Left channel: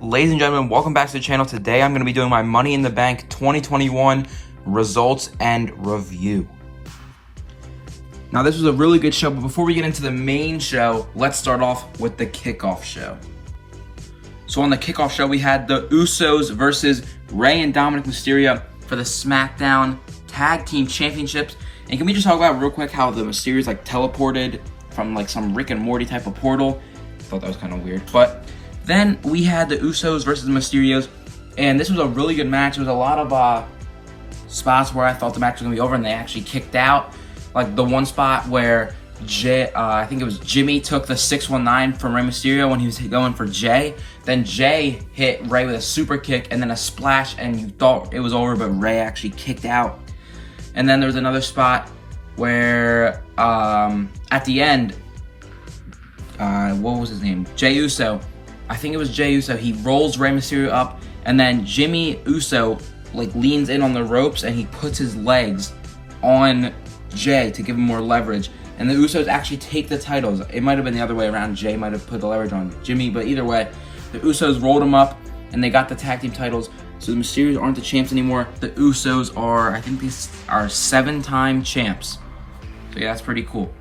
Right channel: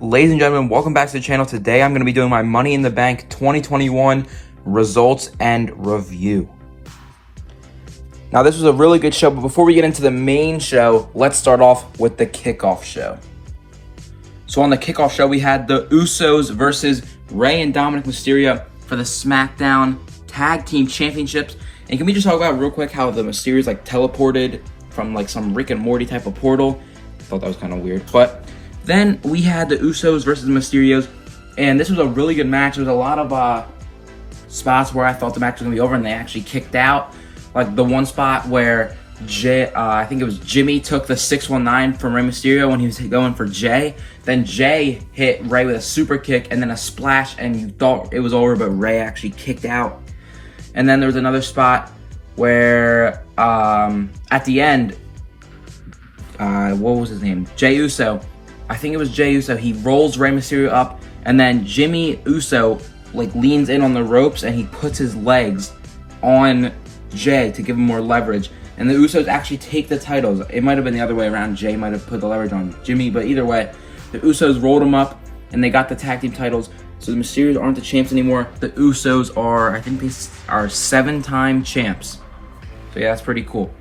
Ladies and gentlemen, welcome back to the channel. Today I'm going to be doing my Money in the Bank 2021 results and review. Now this was a really good show, but before we get into the main show, let's start off with the kickoff show. So on the kickoff show, we had the Usos versus Rey and Dominic Mysterio for the SmackDown Tag Team Championships. And can we just talk about real quick how the Mysterios like teleported from like some Rick and Morty type of portal? I thought that was kind of weird. But then we had the Usos versus the Mysterios, and this was a really good match. There was a lot of spots where I thought the match was gonna be over, and they actually kicked out. Like the one spot where I think it was Jimmy took the 619 from Rey Mysterio when he was going for Jay. Then Jay hit Rey with a super kick and then a splash, and you thought it was over, but Rey actually kicked out. And then there was another spot where at the end, what was his name? Jey Uso. I think it was Jey Uso. He rolls Rey Mysterio up, and then Jimmy Uso like leans in on the ropes and he puts his legs on Jay to give him more leverage. And the Usos actually take the titles. It might have been the other way around. Jay might have put the leverage on Jimmy, but either way, the Usos rolled him up and they got the tag team titles. So the Mysterios aren't the champs anymore. The Usos are, I think they are 7-time champs. So yeah, that's pretty cool.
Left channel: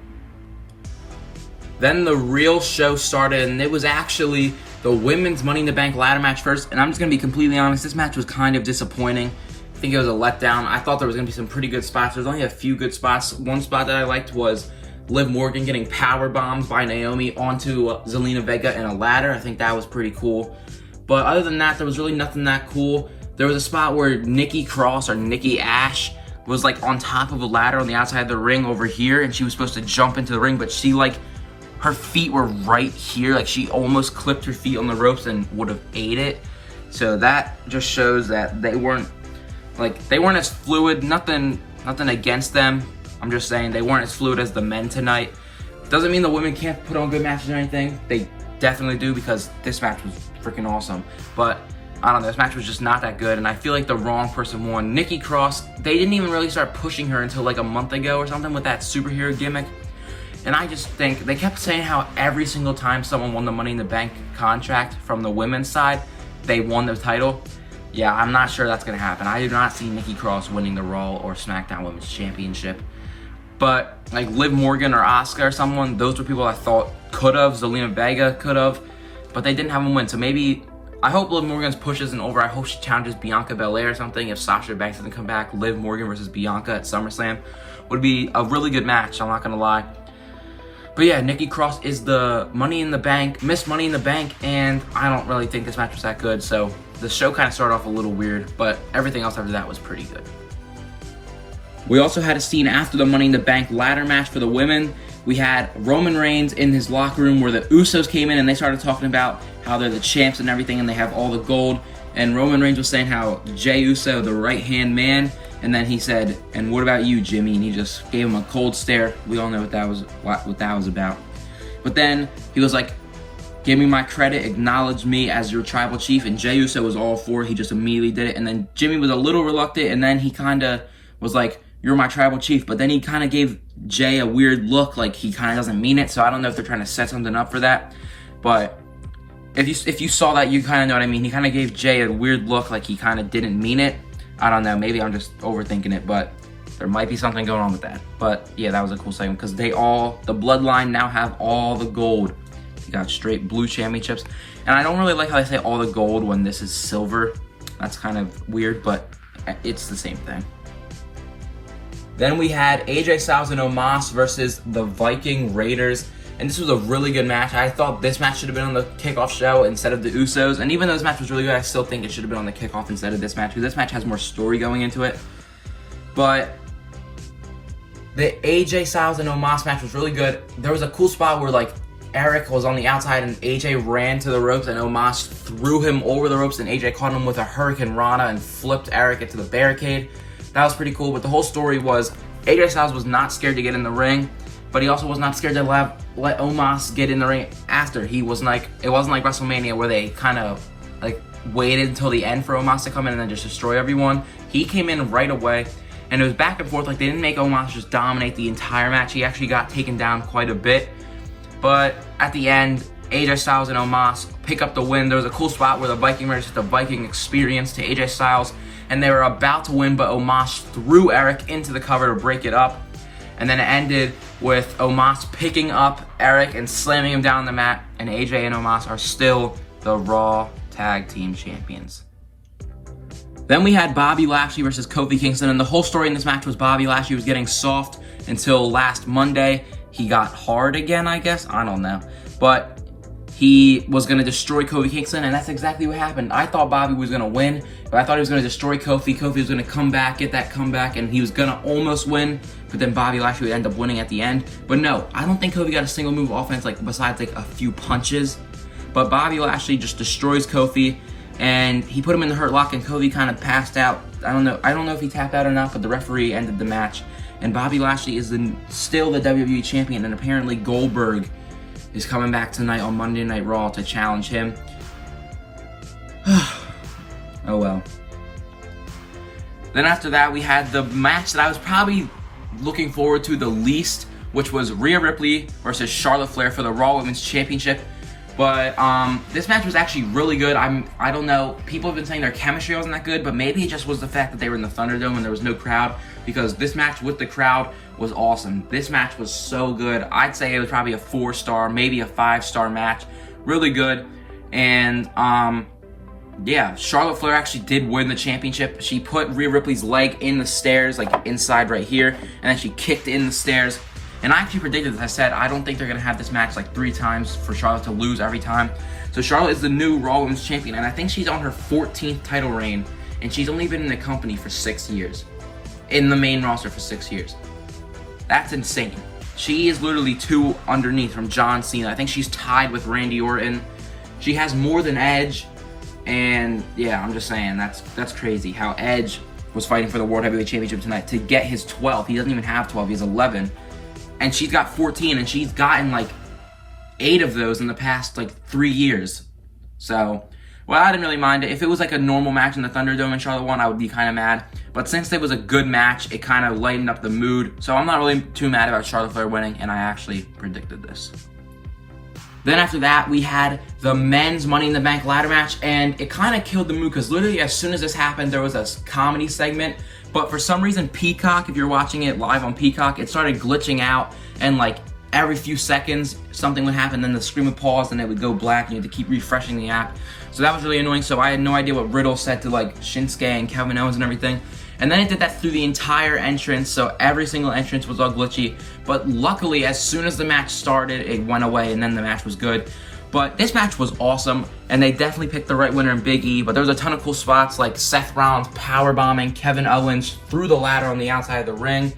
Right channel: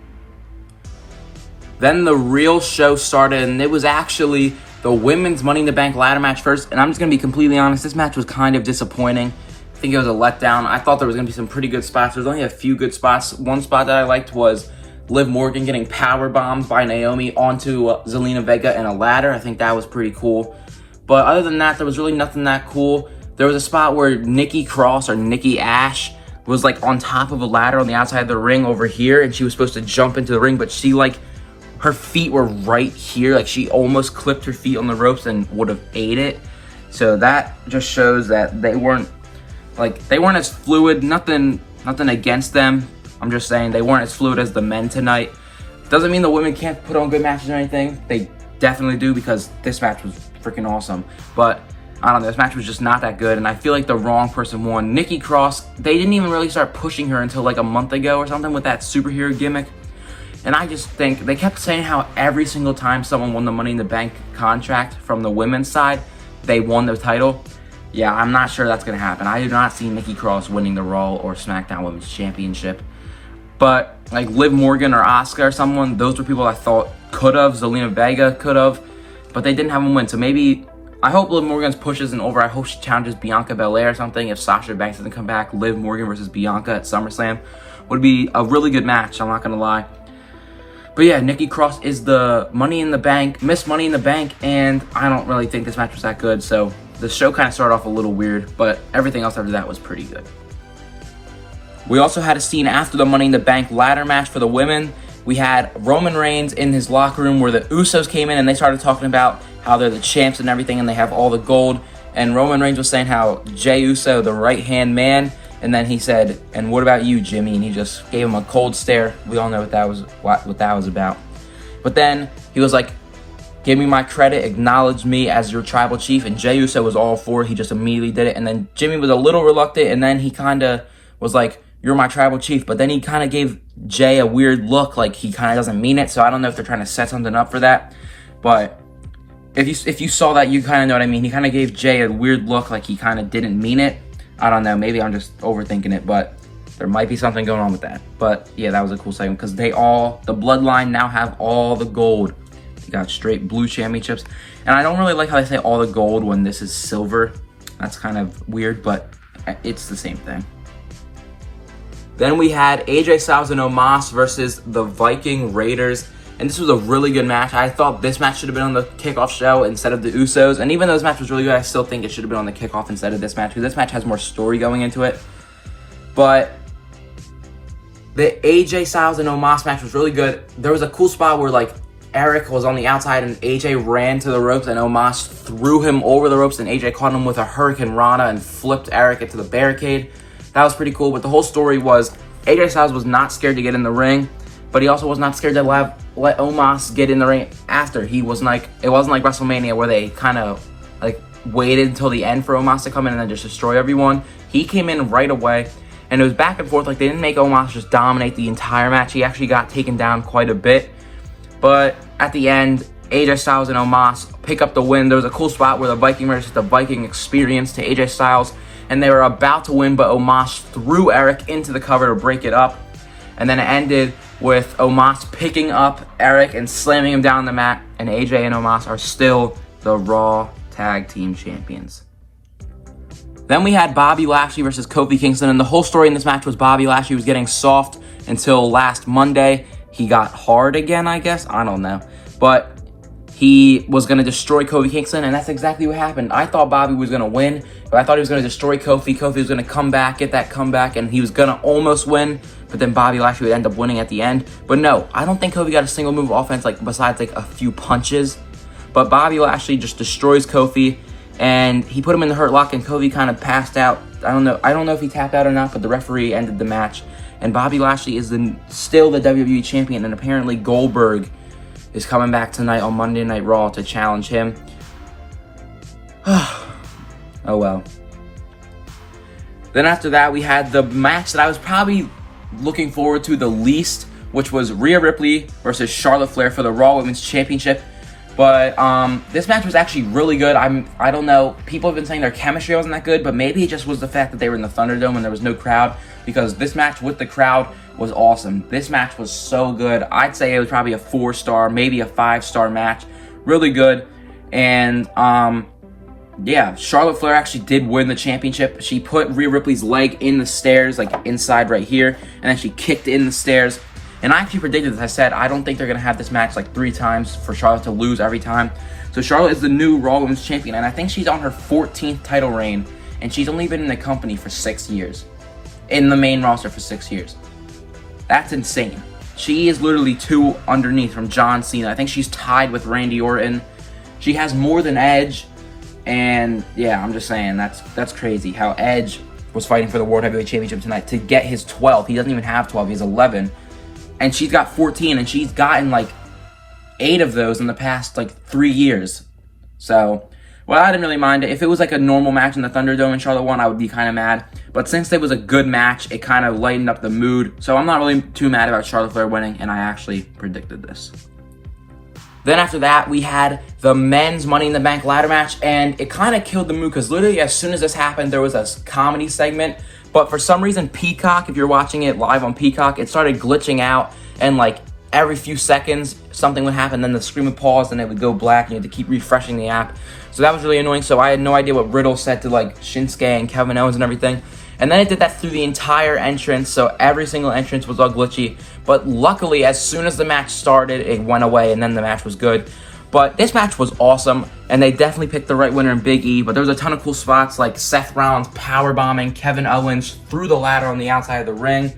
Then the real show started, and it was actually the women's Money in the Bank ladder match first. And I'm just gonna be completely honest, this match was kind of disappointing. I think it was a letdown. I thought there was gonna be some pretty good spots. There's only a few good spots. One spot that I liked was Liv Morgan getting power bombed by Naomi onto Zelina Vega in a ladder. I think that was pretty cool. But other than that, there was really nothing that cool. There was a spot where Nikki Cross or Nikki Ash was like on top of a ladder on the outside of the ring over here, and she was supposed to jump into the ring, but she like, her feet were right here. Like she almost clipped her feet on the ropes and would have ate it. So that just shows that they weren't as fluid. Nothing against them. I'm just saying they weren't as fluid as the men tonight. Doesn't mean the women can't put on good matches or anything. They definitely do, because this match was freaking awesome. But I don't know, this match was just not that good, and I feel like the wrong person won. Nikki Cross, they didn't even really start pushing her until like a month ago or something with that superhero gimmick. And I just think they kept saying how every single time someone won the Money in the Bank contract from the women's side, they won the title. Yeah, I'm not sure that's gonna happen. I do not see Nikki Cross winning the Raw or SmackDown Women's Championship. But like Liv Morgan or Asuka or someone, those were people I thought could have. Zelina Vega could have, but they didn't have them win. So maybe, I hope Liv Morgan's push isn't over. I hope she challenges Bianca Belair or something. If Sasha Banks doesn't come back, Liv Morgan versus Bianca at SummerSlam would be a really good match, I'm not gonna lie. But yeah, Nikki Cross is the Money in the Bank, Miss Money in the Bank, and I don't really think this match was that good. So the show kind of started off a little weird, but everything else after that was pretty good. We also had a scene after the Money in the Bank ladder match for the women. We had Roman Reigns in his locker room where the Usos came in and they started talking about how they're the champs and everything and they have all the gold. And Roman Reigns was saying how Jey Uso, the right-hand man, and then he said, "And what about you, Jimmy?" And he just gave him a cold stare. We all know what that was about. But then he was like, "Give me my credit, acknowledge me as your tribal chief." And Jey Uso was all for it. He just immediately did it. And then Jimmy was a little reluctant, and then he kind of was like, "You're my tribal chief." But then he kind of gave Jay a weird look, like he kind of doesn't mean it. So I don't know if they're trying to set something up for that. But if you saw that, you kind of know what I mean. He kind of gave Jay a weird look, like he kind of didn't mean it. I don't know. Maybe I'm just overthinking it, but there might be something going on with that. But yeah, that was a cool segment because the Bloodline now have all the gold. They got straight blue championships. And I don't really like how they say all the gold when this is silver. That's kind of weird, but it's the same thing. Then we had AJ Styles and Omos versus the Viking Raiders. And this was a really good match. I thought this match should have been on the kickoff show instead of the Usos. And even though this match was really good, I still think it should have been on the kickoff instead of this match, because this match has more story going into it. But the AJ Styles and Omos match was really good. There was a cool spot where like Eric was on the outside and AJ ran to the ropes and Omos threw him over the ropes, and AJ caught him with a Hurricane Rana and flipped Eric into the barricade. That was pretty cool. But the whole story was AJ Styles was not scared to get in the ring, but he also was not scared to let Omos get in the ring after. He was like, it wasn't like WrestleMania where they kind of like waited until the end for Omos to come in and then just destroy everyone. He came in right away, and it was back and forth. Like, they didn't make Omos just dominate the entire match. He actually got taken down quite a bit. But at the end, AJ Styles and Omos pick up the win. There was a cool spot where the Viking Raiders hit the Viking experience to AJ Styles, and they were about to win, but Omos threw Eric into the cover to break it up. And then it ended with Omos picking up Eric and slamming him down the mat, and AJ and Omos are still the Raw Tag Team Champions. Then we had Bobby Lashley versus Kofi Kingston, and the whole story in this match was Bobby Lashley was getting soft until last Monday. He got hard again, I guess. I don't know. But he was going to destroy Kofi Kingston, and that's exactly what happened. I thought Bobby was going to win, but I thought he was going to destroy Kofi. Kofi was going to come back, get that comeback, and he was going to almost win, but then Bobby Lashley would end up winning at the end. But no, I don't think Kofi got a single move of offense, like besides like a few punches. But Bobby Lashley just destroys Kofi, and he put him in the Hurt Lock, and Kofi kind of passed out. I don't know if he tapped out or not, but the referee ended the match. And Bobby Lashley is still the WWE champion, and apparently Goldberg is coming back tonight on Monday Night Raw to challenge him. Oh well. Then after that, we had the match that I was probably looking forward to the least, which was Rhea Ripley versus Charlotte Flair for the Raw Women's Championship. But this match was actually really good. I don't know. People have been saying their chemistry wasn't that good, but maybe it just was the fact that they were in the Thunderdome and there was no crowd, because this match with the crowd was awesome. This match was so good. I'd say it was probably a 4-star, maybe a 5-star match. Really good. And yeah, Charlotte Flair actually did win the championship. She put Rhea Ripley's leg in the stairs, like inside right here, and then she kicked in the stairs. And I actually predicted this. I said, I don't think they're going to have this match like 3 times for Charlotte to lose every time. So Charlotte is the new Raw Women's Champion, and I think she's on her 14th title reign, and she's only been in the company for 6 years. In the main roster for 6 years. That's insane. She is literally 2 underneath from John Cena. I think she's tied with Randy Orton. She has more than Edge, and yeah, I'm just saying, that's crazy how Edge was fighting for the World Heavyweight Championship tonight to get his 12. He doesn't even have 12, he has 11. And she's got 14, and she's gotten like 8 of those in the past like 3 years. So, well, I didn't really mind it. If it was like a normal match in the Thunderdome and Charlotte won, I would be kind of mad. But since it was a good match, it kind of lightened up the mood. So I'm not really too mad about Charlotte Flair winning, and I actually predicted this. Then after that, we had the men's Money in the Bank ladder match, and it kind of killed the mood because literally as soon as this happened, there was a comedy segment. But for some reason, Peacock, if you're watching it live on Peacock, it started glitching out, and like every few seconds, something would happen, then the screen would pause, and it would go black, and you had to keep refreshing the app. So that was really annoying, so I had no idea what Riddle said to like Shinsuke and Kevin Owens and everything. And then it did that through the entire entrance, so every single entrance was all glitchy. But luckily, as soon as the match started, it went away, and then the match was good. But this match was awesome, and they definitely picked the right winner in Big E. But there was a ton of cool spots, like Seth Rollins powerbombing Kevin Owens through the ladder on the outside of the ring.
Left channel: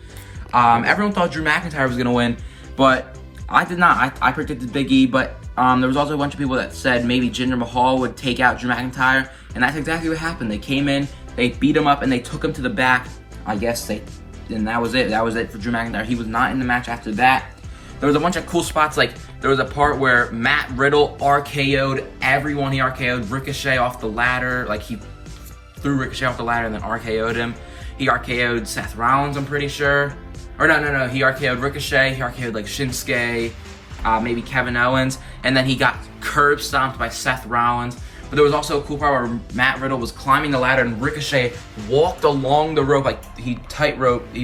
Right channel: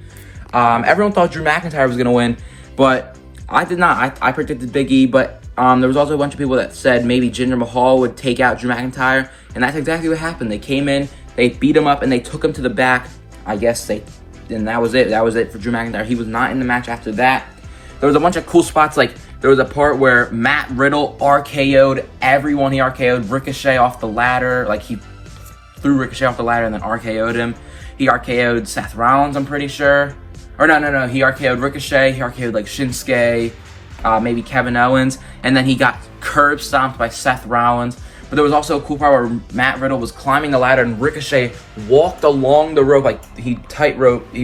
Everyone thought Drew McIntyre was going to win, but I did not. I predicted Big E, but there was also a bunch of people that said maybe Jinder Mahal would take out Drew McIntyre, and that's exactly what happened. They came in, they beat him up, and they took him to the back. And that was it. That was it for Drew McIntyre. He was not in the match after that. There was a bunch of cool spots, like there was a part where Matt Riddle RKO'd everyone. He RKO'd Ricochet off the ladder, like he threw Ricochet off the ladder and then RKO'd him. He RKO'd Seth Rollins, I'm pretty sure. Or no, he RKO'd Ricochet, he RKO'd like Shinsuke, maybe Kevin Owens, and then he got curb stomped by Seth Rollins. But there was also a cool part where Matt Riddle was climbing the ladder and Ricochet walked along the rope, like he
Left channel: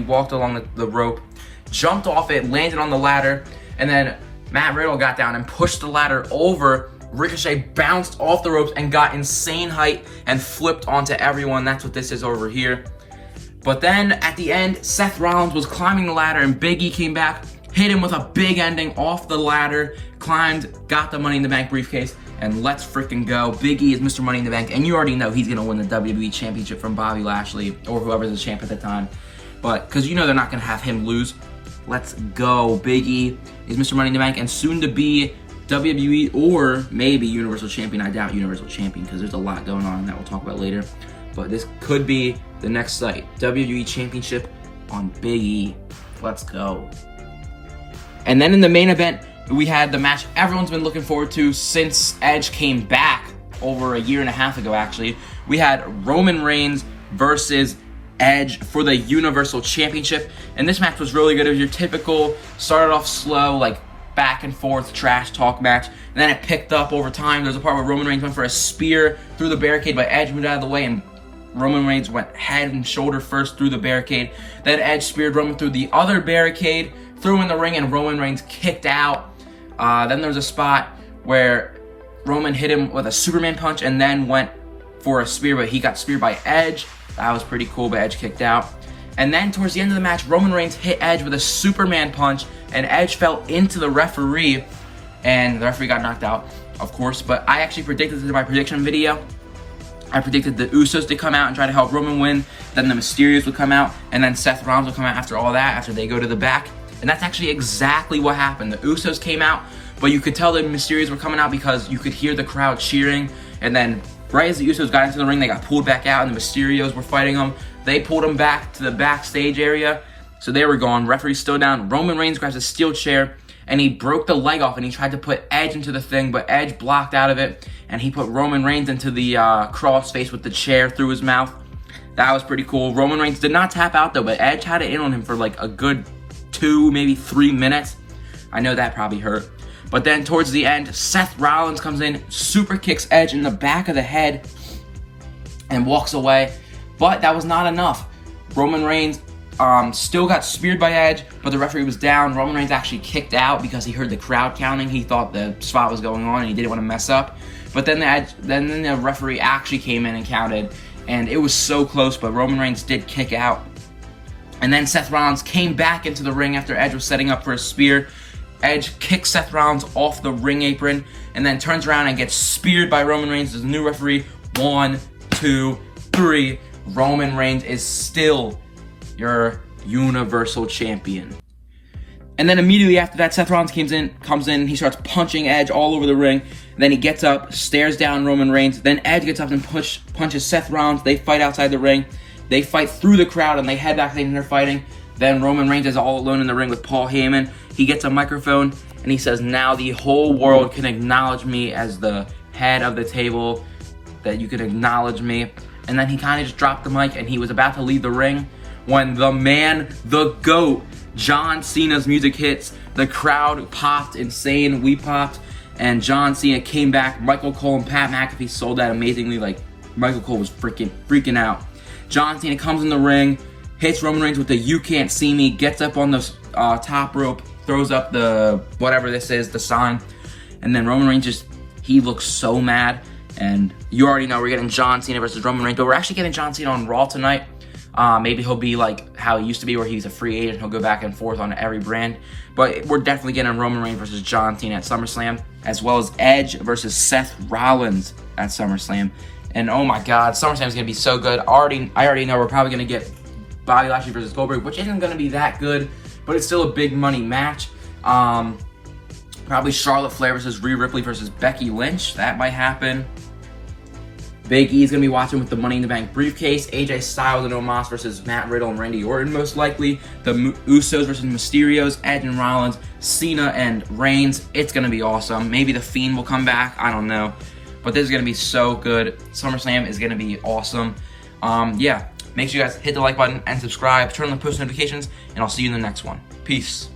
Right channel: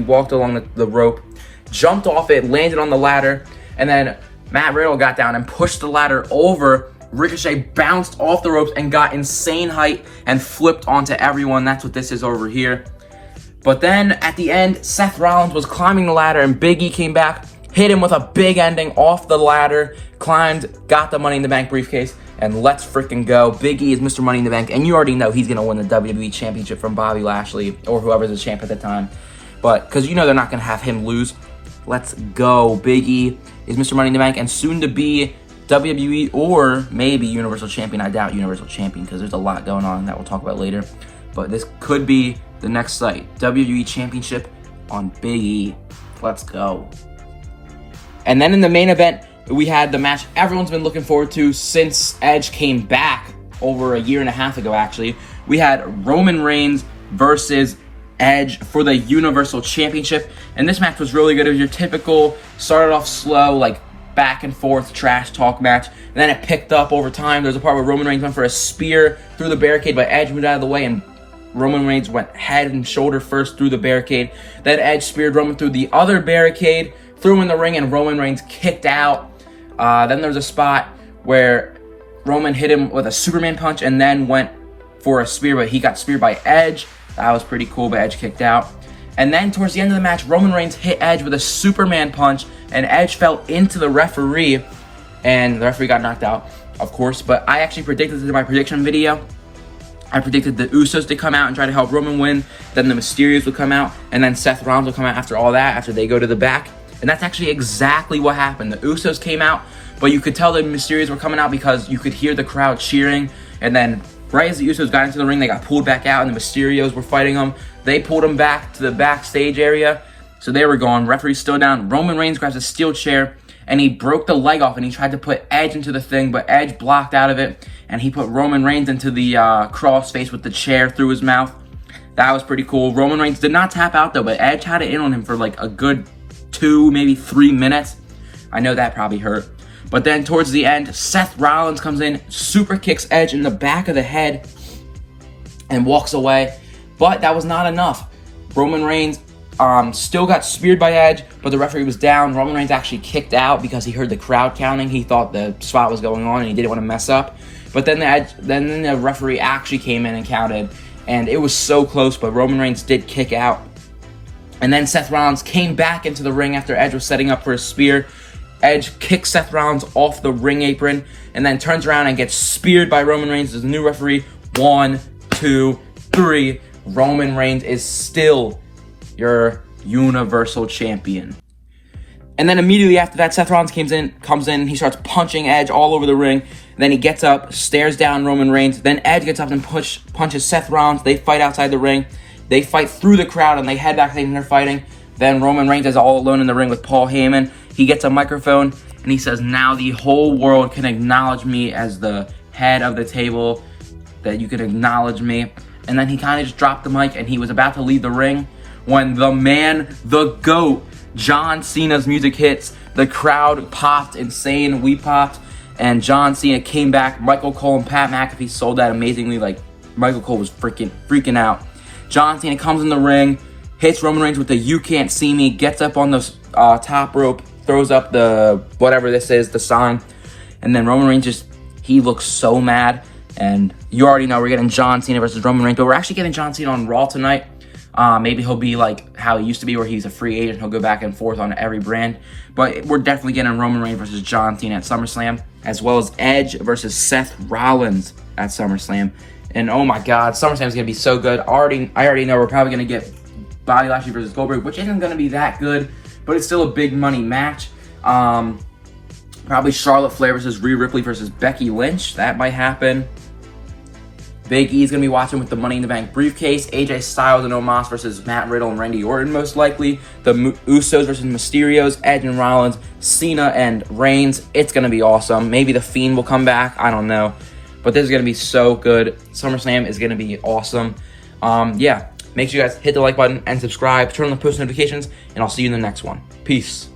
walked along the rope, jumped off it, landed on the ladder, and then Matt Riddle got down and pushed the ladder over. Ricochet bounced off the ropes and got insane height and flipped onto everyone. That's what this is over here. But then at the end, Seth Rollins was climbing the ladder and Big E came back, hit him with a big ending off the ladder, climbed, got the Money in the Bank briefcase, and let's freaking go. Big E is Mr. Money in the Bank, and you already know he's going to win the WWE Championship from Bobby Lashley or whoever's the champ at the time. But because you know they're not going to have him lose. Let's go. Big E is Mr. Money in the Bank and soon to be WWE or maybe Universal Champion. I doubt Universal Champion because there's a lot going on that we'll talk about later. But this could be the next site. WWE Championship on Big E. Let's go. And then in the main event, we had the match everyone's been looking forward to since Edge came back over a year and a half ago, actually. We had Roman Reigns versus Edge for the Universal Championship, and this match was really good. It was your typical, started off slow, like back and forth trash talk match. And then it picked up over time. There's a part where Roman Reigns went for a spear through the barricade, but Edge moved out of the way, and Roman Reigns went head and shoulder first through the barricade. Then Edge speared Roman through the other barricade, threw him in the ring, and Roman Reigns kicked out. Then there was a spot where Roman hit him with a Superman punch and then went for a spear, but he got speared by Edge. That was pretty cool, but Edge kicked out. And then towards the end of the match, Roman Reigns hit Edge with a Superman punch, and Edge fell into the referee, and the referee got knocked out, of course. But I actually predicted this in my prediction video. I predicted the Usos to come out and try to help Roman win, then the Mysterios would come out, and then Seth Rollins would come out after all that, after they go to the back. And that's actually exactly what happened. The Usos came out, but you could tell the Mysterios were coming out because you could hear the crowd cheering, and then right as the Usos got into the ring, they got pulled back out, and the Mysterios were fighting them. They pulled them back to the backstage area, so they were gone. Referee's still down. Roman Reigns grabs a steel chair, and he broke the leg off, and he tried to put Edge into the thing, but Edge blocked out of it, and he put Roman Reigns into the crossface with the chair through his mouth. That was pretty cool. Roman Reigns did not tap out, though, but Edge had it in on him for like a good 2, maybe 3 minutes. I know that probably hurt. But then towards the end, Seth Rollins comes in, super kicks Edge in the back of the head, and walks away. But that was not enough. Roman Reigns still got speared by Edge, but the referee was down. Roman Reigns actually kicked out because he heard the crowd counting. He thought the spot was going on, and he didn't want to mess up. But then the referee actually came in and counted, and it was so close, but Roman Reigns did kick out. And then Seth Rollins came back into the ring after Edge was setting up for a spear. Edge kicks Seth Rollins off the ring apron and then turns around and gets speared by Roman Reigns as the new referee. 1, 2, 3. Roman Reigns is still your Universal Champion. And then immediately after that, Seth Rollins comes in, and he starts punching Edge all over the ring. And then he gets up, stares down Roman Reigns. Then Edge gets up and punches Seth Rollins. They fight outside the ring. They fight through the crowd, and they head back and they're fighting. Then Roman Reigns is all alone in the ring with Paul Heyman. He gets a microphone, and he says, "Now the whole world can acknowledge me as the head of the table, that you can acknowledge me." And then he kind of just dropped the mic, and he was about to leave the ring when the man, the GOAT, John Cena's music hits. The crowd popped insane. We popped. And John Cena came back. Michael Cole and Pat McAfee sold that amazingly. Like, Michael Cole was freaking out. John Cena comes in the ring, hits Roman Reigns with the "You Can't See Me," gets up on the top rope, throws up the, whatever this is, the sign. And then Roman Reigns he looks so mad. And you already know we're getting John Cena versus Roman Reigns, but we're actually getting John Cena on Raw tonight. Maybe he'll be like how he used to be, where he's a free agent. He'll go back and forth on every brand. But we're definitely getting Roman Reigns versus John Cena at SummerSlam, as well as Edge versus Seth Rollins at SummerSlam. And oh my God, SummerSlam is going to be so good. I already know we're probably going to get Bobby Lashley versus Goldberg, which isn't going to be that good, but it's still a big money match. Probably Charlotte Flair versus Rhea Ripley versus Becky Lynch. That might happen. Big E's going to be watching with the Money in the Bank briefcase. AJ Styles and Omos versus Matt Riddle and Randy Orton, most likely. The Usos versus Mysterios, Edge and Rollins, Cena and Reigns. It's going to be awesome. Maybe The Fiend will come back. I don't know. But this is going to be so good. SummerSlam is going to be awesome. Yeah, make sure you guys hit the like button and subscribe. Turn on the post notifications, and I'll see you in the next one. Peace.